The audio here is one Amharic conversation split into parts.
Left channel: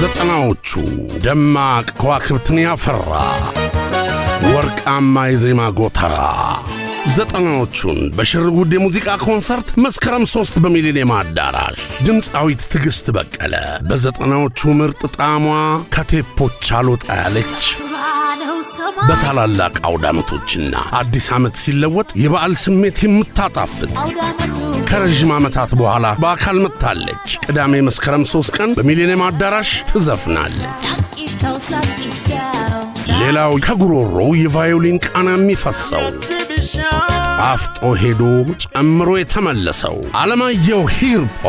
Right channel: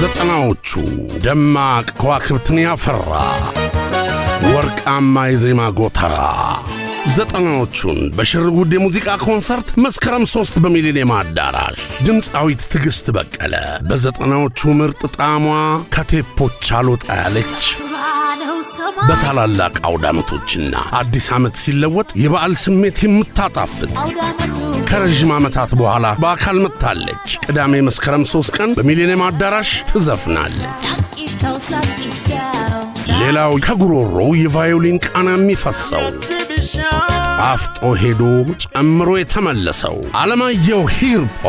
ዘጠናዎቹ ደማቅ ከዋክብትን ያፈራ ወርቃማ የዜማ ጎተራ ዘጠናዎቹን በሽርጉድ የሙዚቃ ኮንሰርት መስከረም 3 በሚሊኒየም አዳራሽ ድምፃዊት ትግስት በቀለ በዘጠናዎቹ ምርጥ ጣዕሟ ከቴፖች አልወጣ ያለች በታላላቅ አውዳመቶችና አዲስ ዓመት ሲለወጥ የበዓል ስሜት የምታጣፍጥ ከረጅም ዓመታት በኋላ በአካል መጥታለች። ቅዳሜ መስከረም 3 ቀን በሚሊኒየም አዳራሽ ትዘፍናለች። ሌላው ከጉሮሮ የቫዮሊን ቃና የሚፈሰው አፍጦ ሄዶ ጨምሮ የተመለሰው አለማየሁ ሂርጶ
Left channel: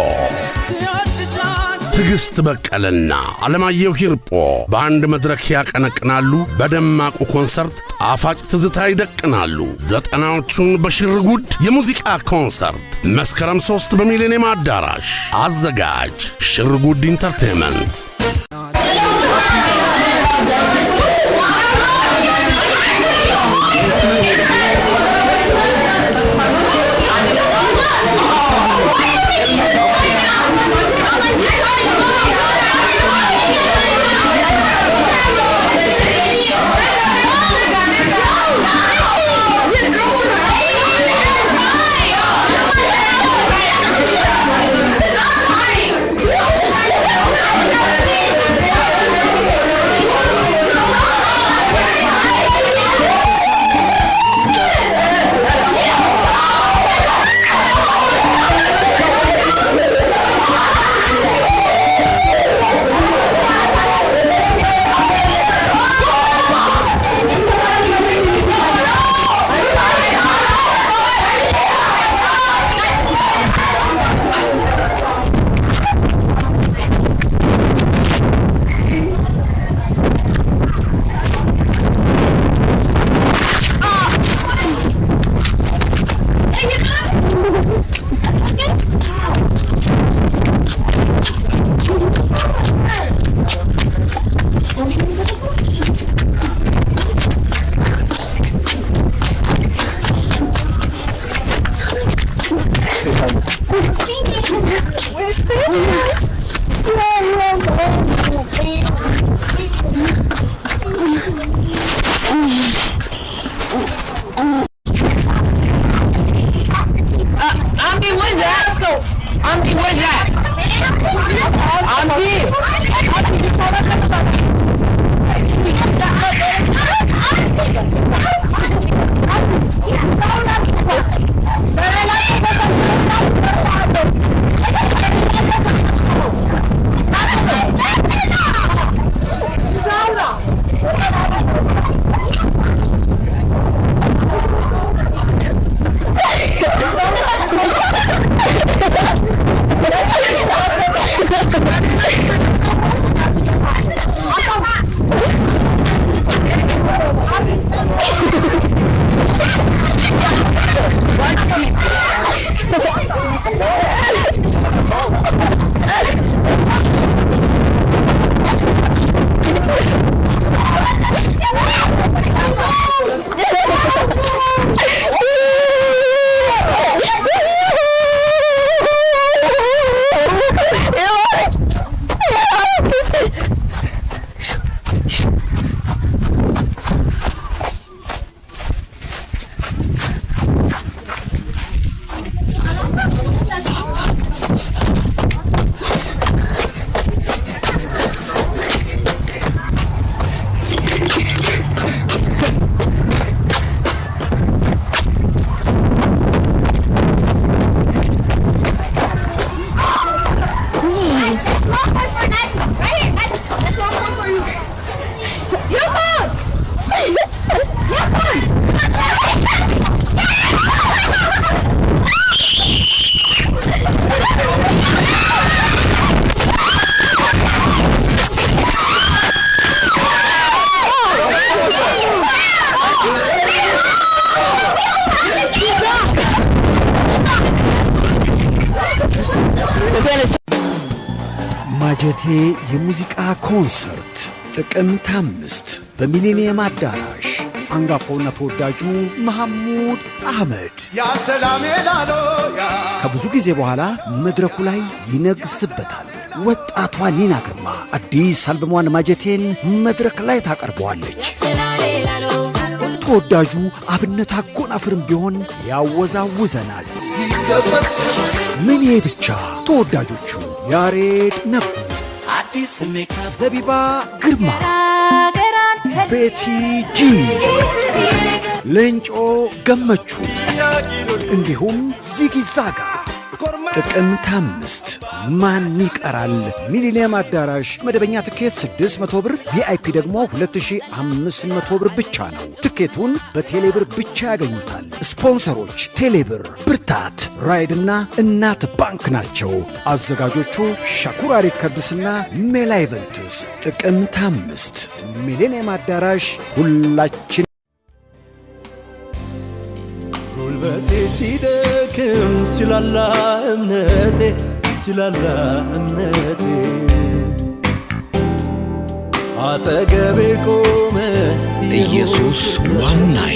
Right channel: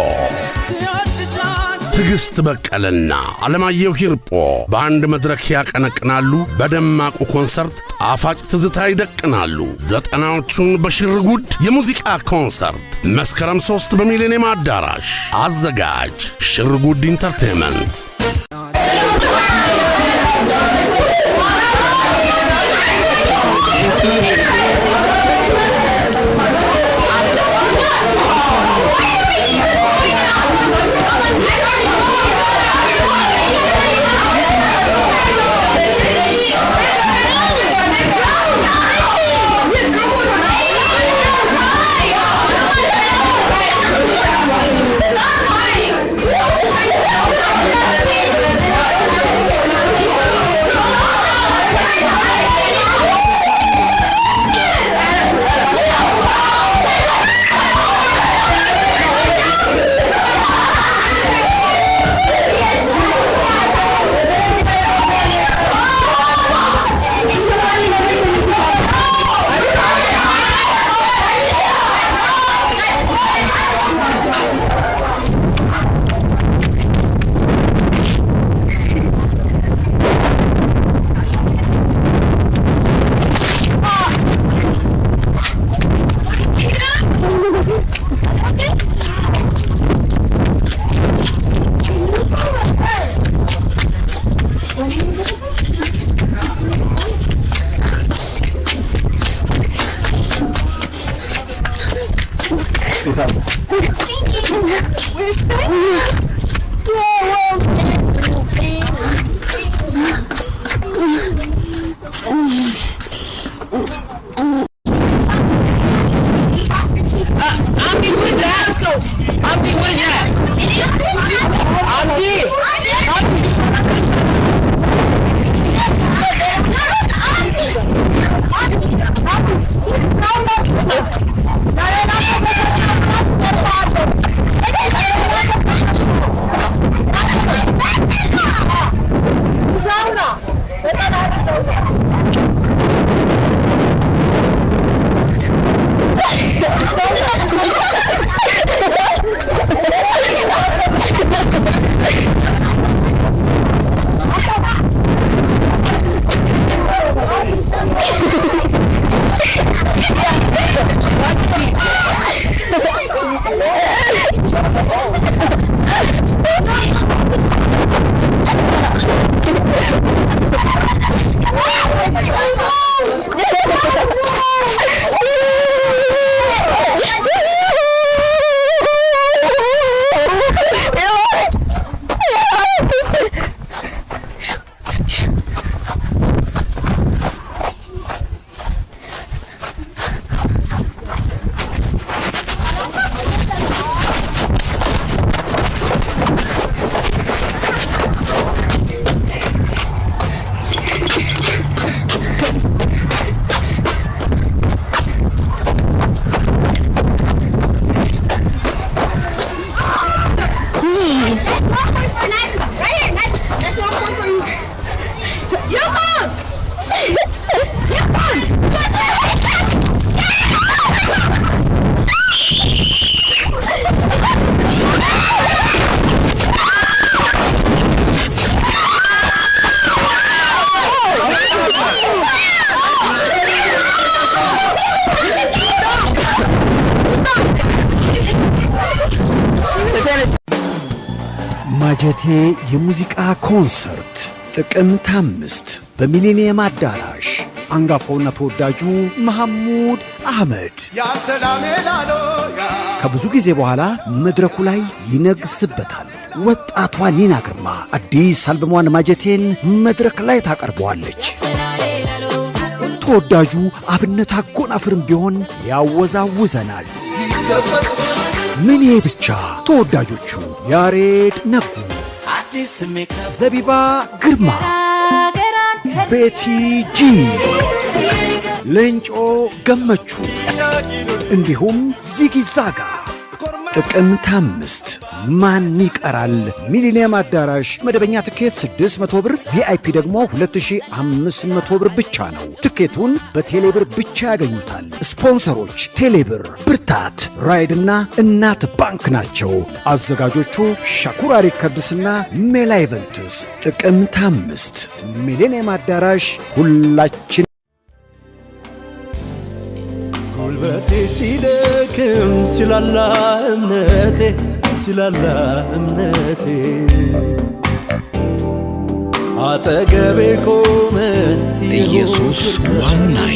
ትግስት በቀለና አለማየሁ ሂርጶ በአንድ መድረክ ያቀነቅናሉ። በደማቁ ኮንሰርት ጣፋጭ ትዝታ ይደቅናሉ። ዘጠናዎቹን በሽርጉድ የሙዚቃ ኮንሰርት መስከረም 3 በሚሊኒየም አዳራሽ። አዘጋጅ ሽርጉድ ኢንተርቴይንመንት። ማጀቴ የሙዚቃ ኮንሰርት ጥቅምት 5 በሚሊኒየም አዳራሽ አንጋፋውና ተወዳጁ መሐሙድ አህመድ ያ ሰላም ላሎ ያ ከብዙ ጊዜ በኋላ መድረኩ ላይ ይነግስበታል። ወጣቷ ኒና ግርማ አዲስ አልበሟን ማጀቴን መድረክ ላይ ታቀርበዋለች። ተወዳጁ አብነት አጎናፍርም ቢሆን ያወዛውዘናል። ምን ይሄ ብቻ! ተወዳጆቹ ያሬድ ነጉ፣ ዘቢባ ግርማ፣ ቤቲ ጂ፣ ሌንጮ ገመቹ እንዲሁም ዚጊዛጋ ጥቅምት 5 ማን ይቀራል? ሚሊኒየም አዳራሽ መደበኛ ትኬት 600 ብር፣ ቪአይፒ ደግሞ 2500 ብር ብቻ ነው። ትኬቱን በቴሌብር ብቻ ያገኙታል። ስፖንሰሮች ቴሌብር፣ ብርታት፣ ራይድና እናት ባንክ ናቸው። አዘጋጆቹ ሻኩራ ሪከርድስና ሜላ ኢቨንትስ። ጥቅምት 5 ሚሊኒየም አዳራሽ። ሁላችን ጉልበቴ ሲደክም ሲላላ እምነቴ አጠገቤ ቆመ ኢየሱስ ዋናዬ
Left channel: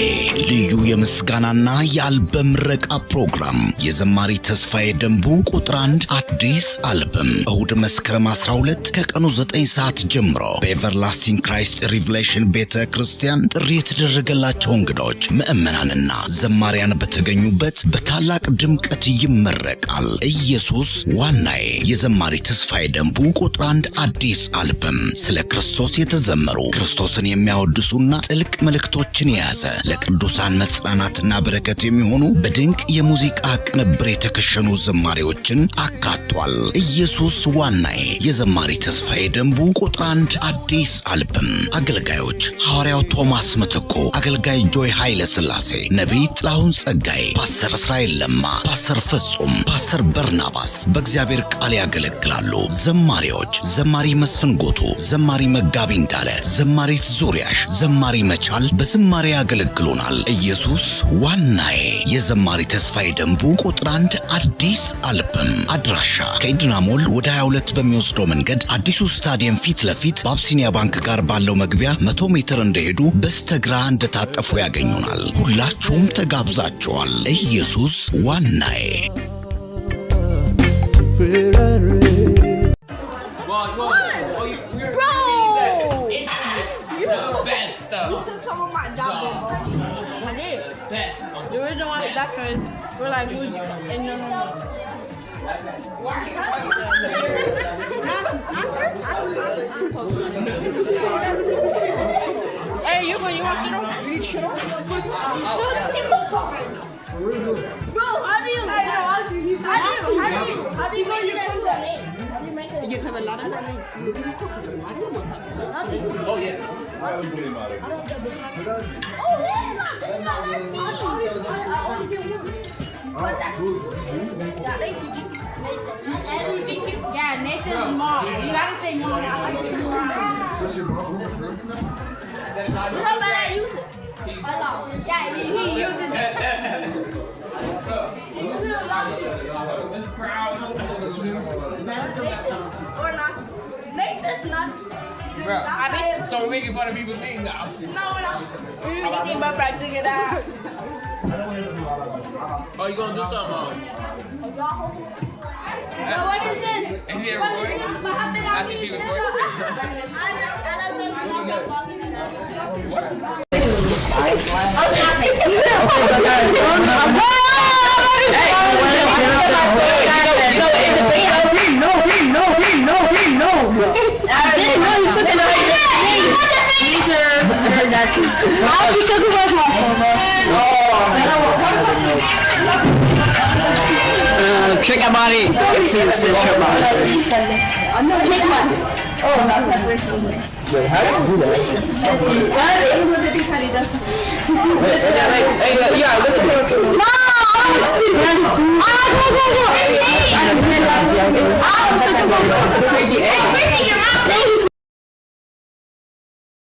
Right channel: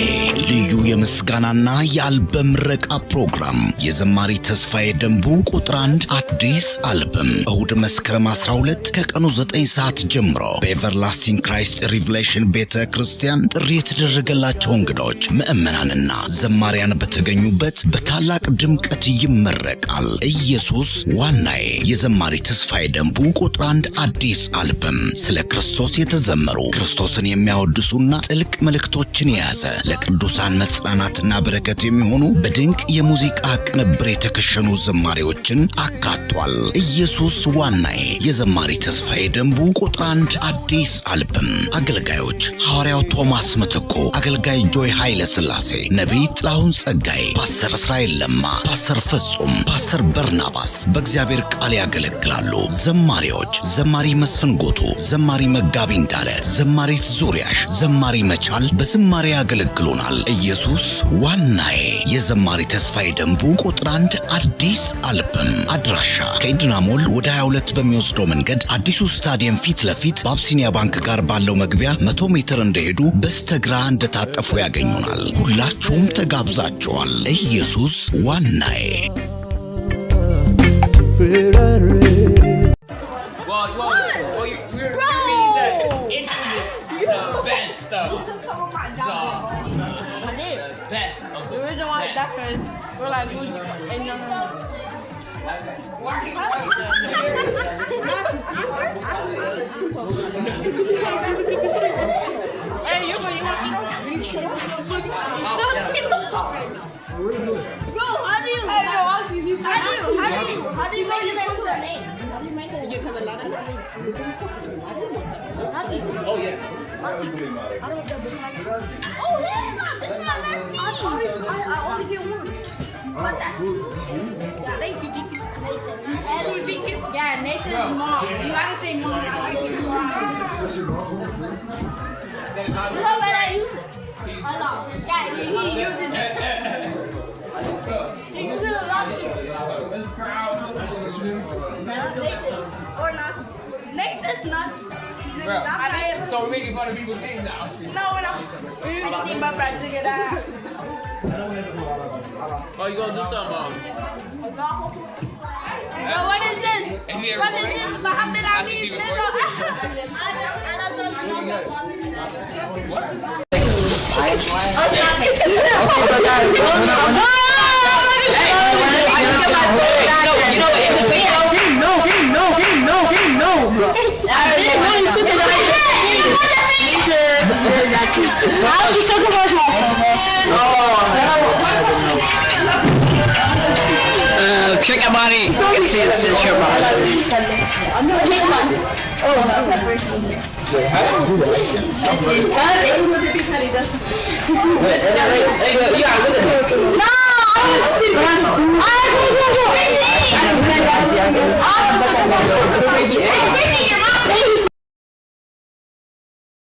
ልዩ የምስጋናና የአልበም ምረቃ ፕሮግራም የዘማሪ ተስፋዬ ደንቡ ቁጥር 1 አዲስ አልበም እሁድ መስከረም 12 ከቀኑ 9 ሰዓት ጀምሮ በኤቨርላስቲንግ ክራይስት ሪቨሌሽን ቤተ ክርስቲያን ጥሪ የተደረገላቸው እንግዶች ምዕመናንና ዘማሪያን በተገኙበት በታላቅ ድምቀት ይመረቃል። ኢየሱስ ዋናዬ የዘማሪ ተስፋዬ ደንቡ ቁጥር 1 አዲስ አልበም ስለ ክርስቶስ የተዘመሩ ክርስቶስን የሚያወድሱና ጥልቅ መልእክቶችን የያዘ ለቅዱሳን መጽናናትና በረከት የሚሆኑ በድንቅ የሙዚቃ ቅንብር የተከሸኑ ዘማሪዎችን አካቷል። ኢየሱስ ዋናዬ የዘማሪ ተስፋዬ ደንቡ ቁጥር 1 አዲስ አልበም አገልጋዮች ሐዋርያው ቶማስ ምትኩ፣ አገልጋይ ጆይ ኃይለ ሥላሴ፣ ነቢይ ጥላሁን ጸጋዬ፣ ፓስተር እስራኤል ለማ፣ ፓስተር ፍጹም፣ ፓስተር በርናባስ በእግዚአብሔር ቃል ያገለግላሉ። ዘማሪዎች ዘማሪ መስፍን ጎቱ፣ ዘማሪ መጋቢ እንዳለ፣ ዘማሪት ዙሪያሽ፣ ዘማሪ መቻል በዝማሬ ያገለግሉናል። ኢየሱስ ዋናዬ የዘማሪ ተስፋዬ ደንቡ ቁጥር 1 አዲስ አልበም አድራሻ ከኢድና ሞል ወደ 22 በሚወስደው መንገድ አዲሱ ስታዲየም ፊት ለፊት በአብሲኒያ ባንክ ጋር ባለው መግቢያ 100 ሜትር እንደሄዱ በስተግራ እንደታጠፉ ያገኙናል። ሁላችሁም ተጋብዛችኋል። ኢየሱስ ዋናዬ። We're like, and no. Hey, you want shit on? Bro, how do you make it into a name? How do you make it? You put a lot of Oh, yeah. Oh, yeah, Nathan's mom. You gotta say mom. You know that I use it a lot. Yeah, he uses it. Or not. Nathan's not. Bro, so we're making fun of people's names now. No, we're not. Anything but practicing it out. Oh, you gonna do something? What is this? What is this? What happened to me? Check your body. It's your body. Wait, how do you do that? Hey, yeah, look at me. No! I was